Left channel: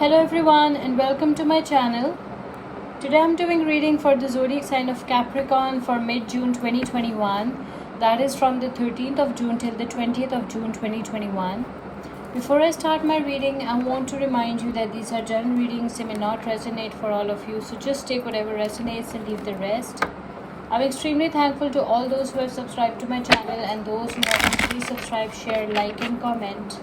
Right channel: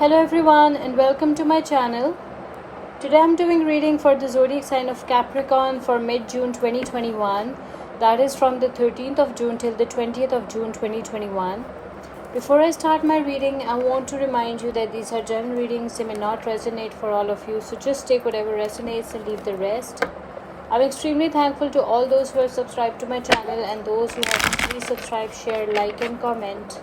Hello everyone and welcome to my channel. Today I'm doing reading for the zodiac sign of Capricorn for mid-June 2021. That is from the 13th of June till the 20th of June 2021. Before I start my reading, I want to remind you that these are general readings. They may not resonate for all of you, so just take whatever resonates and leave the rest. I'm extremely thankful to all those who have subscribed to my channel and those who haven't. Please subscribe, share, like and comment.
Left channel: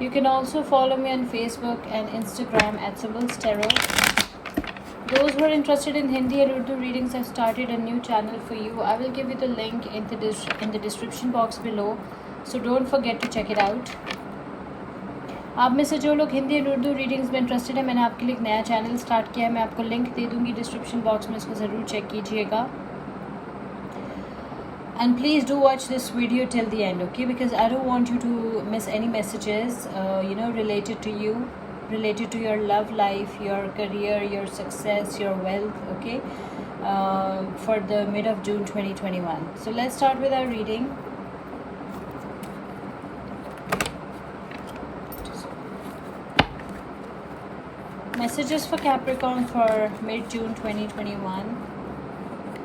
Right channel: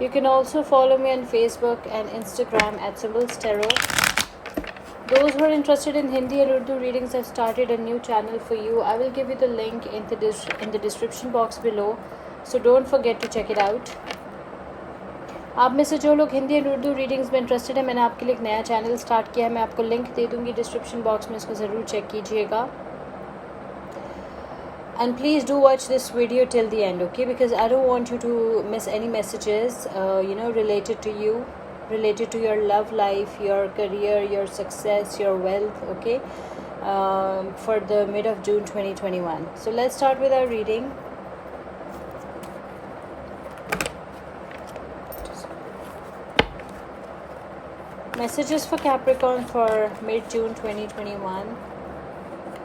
You can also follow me on Facebook and Instagram at Symbols Tarot. Those who are interested in Hindi and Urdu readings, I've started a new channel for you. I will give you the link in the description box below, so don't forget to check it out. आप में से जो लोग Hindi and Urdu readings में interested है, मैंने आपके लिए एक नया चैनल स्टार्ट किया है. मैं आपको लिंक दे दूँगी डिस्क्रिप्शन बॉक्स में, इसको ज़रूर चेक कीजिएगा. And please do watch this video till the end, okay? Because I don't want you to miss any messages, related to you, related to your love life, your career, your success, your wealth, okay? For the mid of June 2021. So let's start with our reading. Messages for Capricorn for mid-June 2021.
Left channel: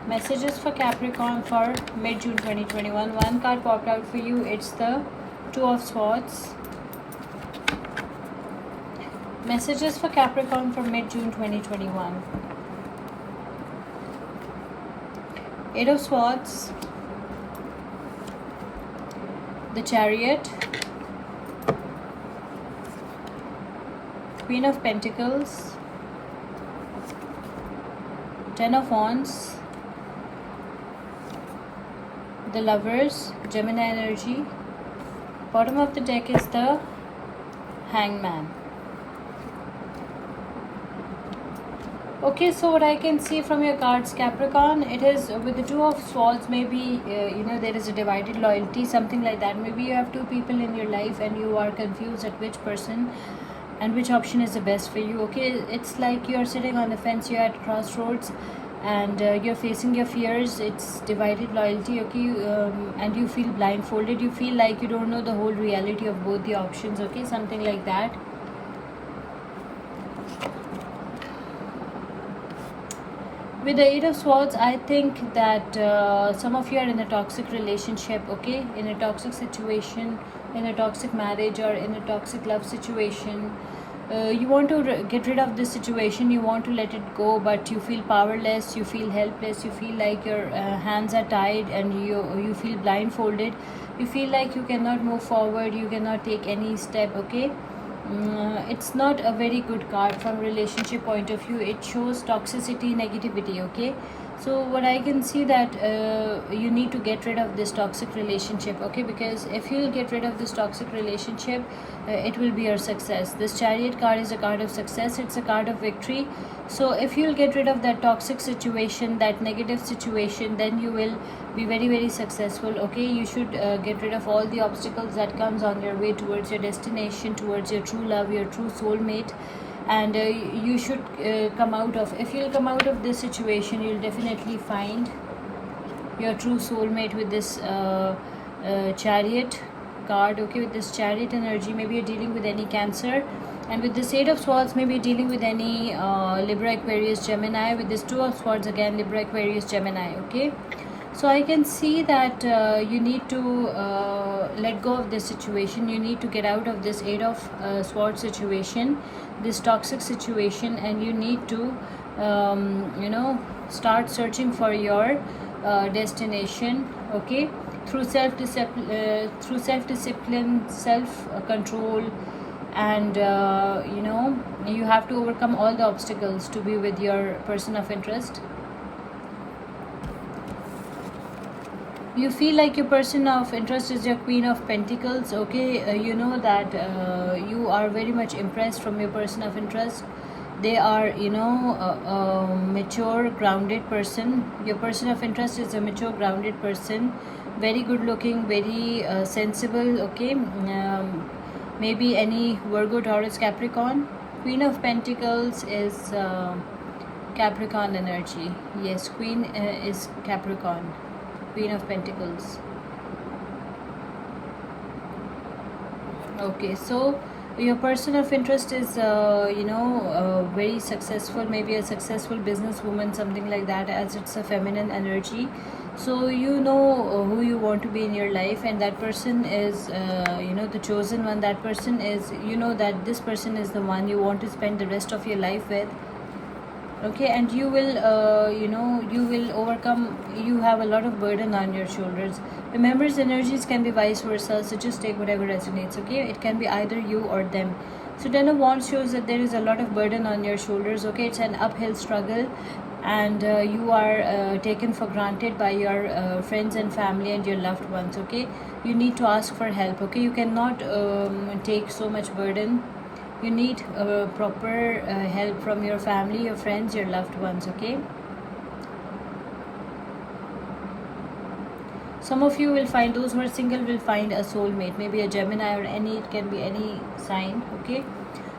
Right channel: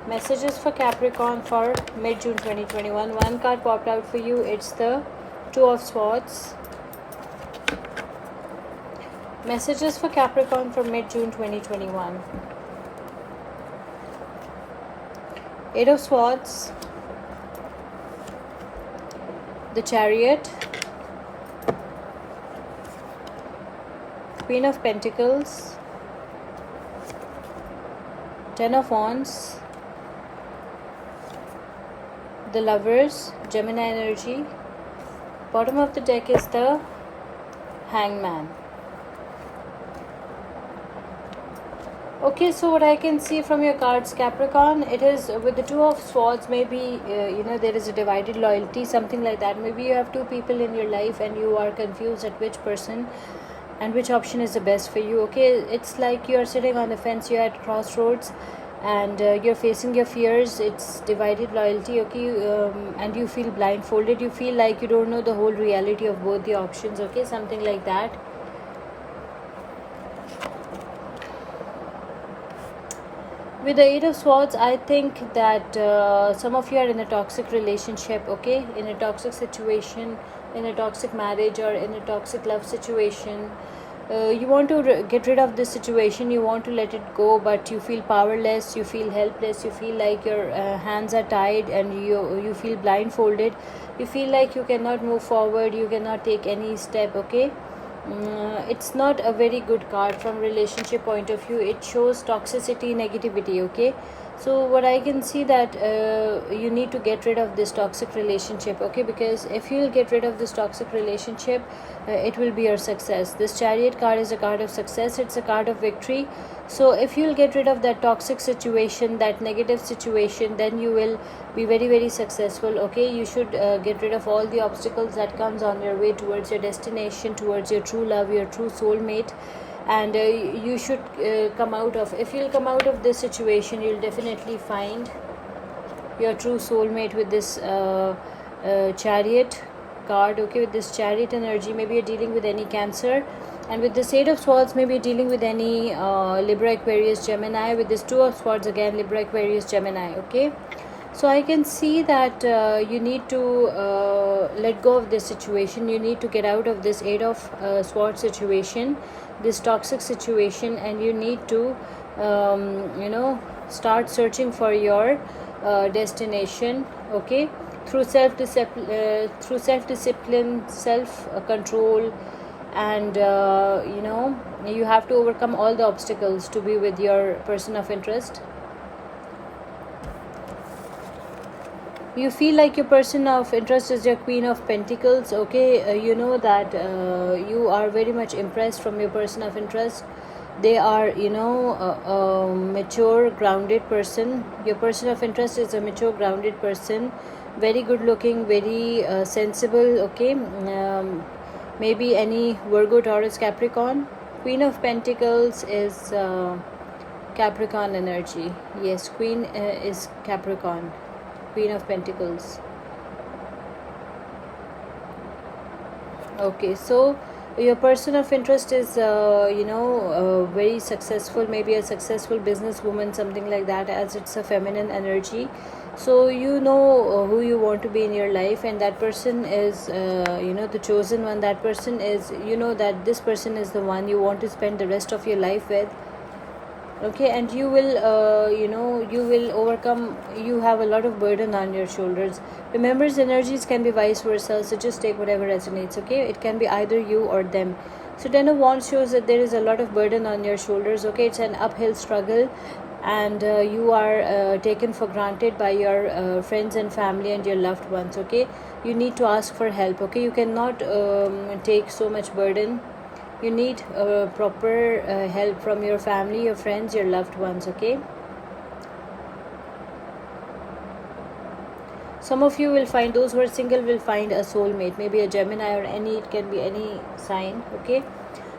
Messages for Capricorn for mid-June 2021. One card popped out for you. It's the Two of Swords. Messages for Capricorn for mid-June 2021. Eight of Swords. The Chariot. Queen of Pentacles. Ten of Wands. The Lovers, Gemini energy. Bottom of the deck is the Hangman. Okay, so what I can see from your cards, Capricorn, it is with the Two of Swords, maybe there is a divided loyalty, something like that. Maybe you have two people in your life and you are confused at which person and which option is the best for you. Okay, it's like you are sitting on the fence, you're at crossroads, and you're facing your fears. It's divided loyalty, okay? And you feel blindfolded. You feel like you don't know the whole reality of both the options, okay? Something like that. With the Eight of Swords, I think that some of you are in a toxic relationship, okay? In a toxic situation, in a toxic marriage, or in a toxic love situation. You want to get rid of this situation, you want to let it go, but you feel powerless, you feel helpless, you feel like your hands are tied and you feel blindfolded. You feel like you cannot move forward, you cannot take any step, okay? It's not a very good card from relationship point of view. It shows toxicity, negativity, okay? So what I can see that you need to get rid of this toxic relationship, okay? Because if you will get rid of this toxic relationship, it will be your success. This Chariot card is a card of success. It's a card of victory. So if you will get rid of that toxic situation, that negative situation, then you will be very, very successful, okay? You should get rid of all the obstacles that comes on your way towards your destination, towards your true love, your true soulmate. And you should come out of, if you'll come out of this situation, you'll definitely find your true soulmate with this Chariot card, okay? With this Chariot energy, maybe you're dealing with any Cancer, and with this Eight of Swords, maybe you're dealing with any Libra, Aquarius, Gemini. With this Two of Swords, again Libra, Aquarius, Gemini, okay? So I can see that you need to let go of this situation. You need to get out of this Eight of Swords situation, this toxic situation, and you need to start searching for your destination, okay? Through self-discipline, self-control, and you have to overcome all the obstacles to be with your person of interest. You feel like your person of interest is your Queen of Pentacles, okay? You know that you are very much impressed from your person of interest. They are, a mature, grounded person. Your person of interest is a mature, grounded person. Very good looking, very sensible, okay? Maybe any Virgo, Taurus, Capricorn. Queen of Pentacles is Capricorn energy. Yes, Queen is Capricorn. Queen of Pentacles. Okay, so Your person of interest is very successful, maybe a successful businesswoman, something like that, as it's a feminine energy. So you know who you want to be in your life, and that person is the chosen one. That person is, you know, that this person is the one you want to spend the rest of your life with. Okay, and you will you will overcome. You have a lot of burden on your shoulders. Remember, energies can be vice versa, so just take whatever resonates. Okay, it can be either you or them. So Ten of Wands shows that there is a lot of burden on your shoulders. Okay, it's an uphill struggle, and you are taken for granted by your friends and family and your loved ones. Okay, you need to ask for help. Okay, you cannot take so much burden. You need proper help from your family, your friends, your loved ones. Okay, some of you will find, those who are single will find a soulmate, maybe a Gemini or any, it can be any sign. Okay,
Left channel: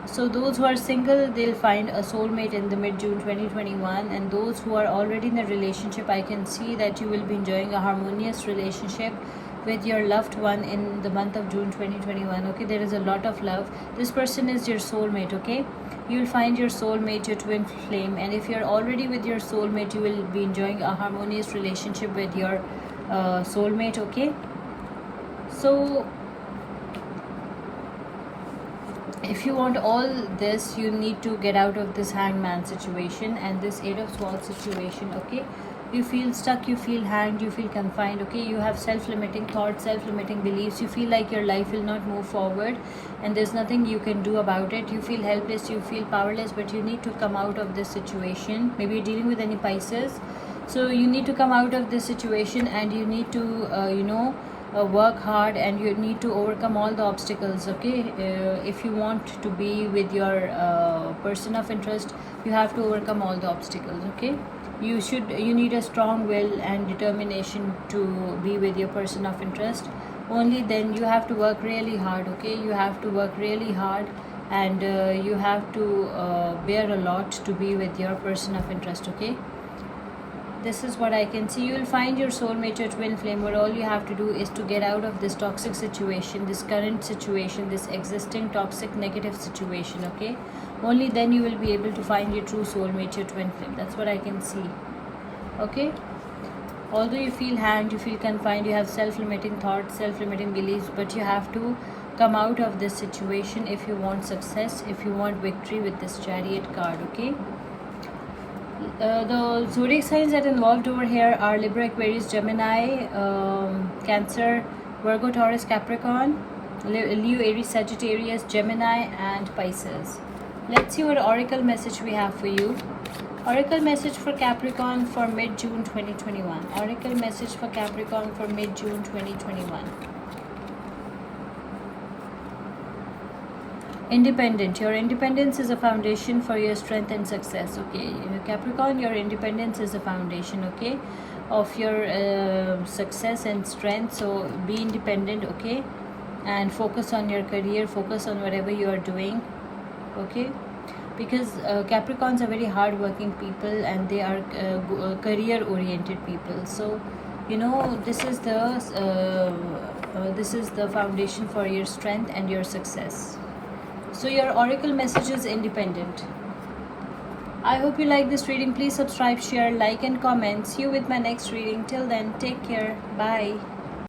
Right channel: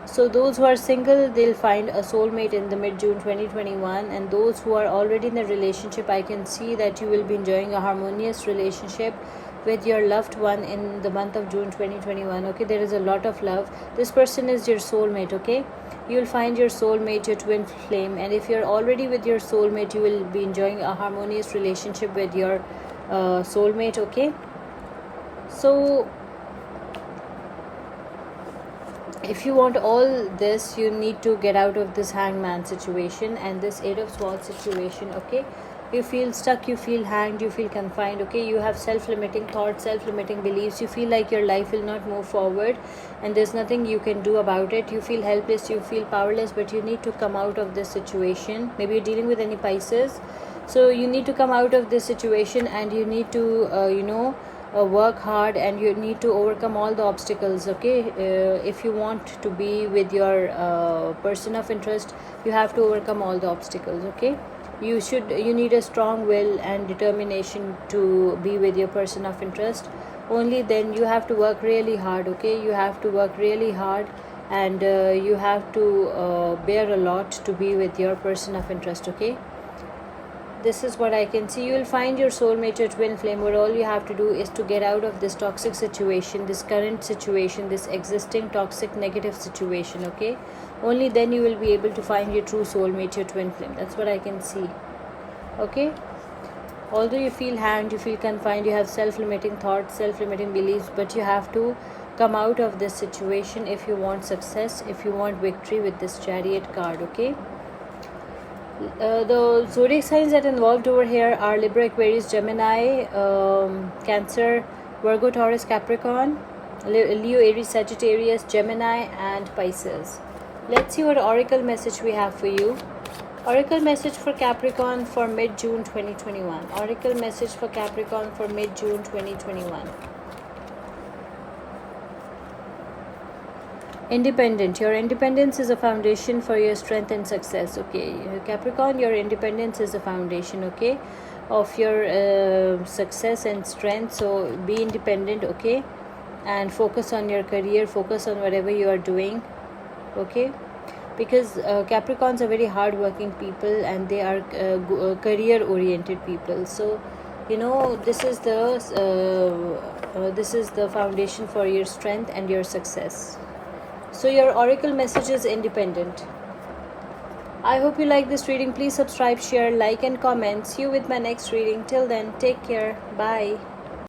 so those who are single, they'll find a soulmate in the mid-June 2021, and those who are already in a relationship, I can see that you will be enjoying a harmonious relationship with your loved one in the month of June 2021. Okay, there is a lot of love. This person is your soulmate. Okay, you will find your soulmate, your twin flame, and if you're already with your soulmate, you will be enjoying a harmonious relationship with your soulmate. Okay, so if you want all this, you need to get out of this hangman situation and this eight of swords situation. Okay, you feel stuck, you feel hanged, you feel confined. Okay, you have self-limiting thoughts, self-limiting beliefs. You feel like your life will not move forward and there's nothing you can do about it. You feel helpless, you feel powerless, but you need to come out of this situation. Maybe you're dealing with any Pisces, so you need to come out of this situation, and you need to work hard, and you need to overcome all the obstacles. Okay, if you want to be with your person of interest, you have to overcome all the obstacles. Okay, you need a strong will and determination to be with your person of interest. Only then. You have to work really hard. Okay, you have to work really hard, and you have to bear a lot to be with your person of interest. Okay, this is what I can see. You will find your soulmate, your twin flame, where all you have to do is to get out of this toxic situation, this current situation, this existing toxic negative situation. Okay, only then you will be able to find your true soulmate, your twin flame. That's what I can see. Okay, although you feel hanged, you feel confined, you have self-limiting thoughts, self-limiting beliefs, but you have to come out of this situation if you want success, if you want victory with this Chariot card. Okay, the zodiac signs that involved over here are Libra, Aquarius, Gemini, Cancer, Virgo, Taurus, Capricorn, Leo, Aries, Sagittarius, Gemini, and Pisces. Let's see what oracle message we have for you. Oracle message for Capricorn for mid-June 2021. Oracle message for Capricorn for mid-June 2021. Independent. Your independence is a foundation for your strength and success. Okay, Capricorn, your independence is a foundation, okay, of your success and strength. So be independent. Okay, and focus on your career, focus on whatever you are doing. Okay, because Capricorns are very hard working people, and they are career oriented people. So this is the foundation for your strength and your success. So your oracle message is independent. I hope you like this reading. Please subscribe, share, like, and comment. See you with my next reading. Till then, take care. Bye.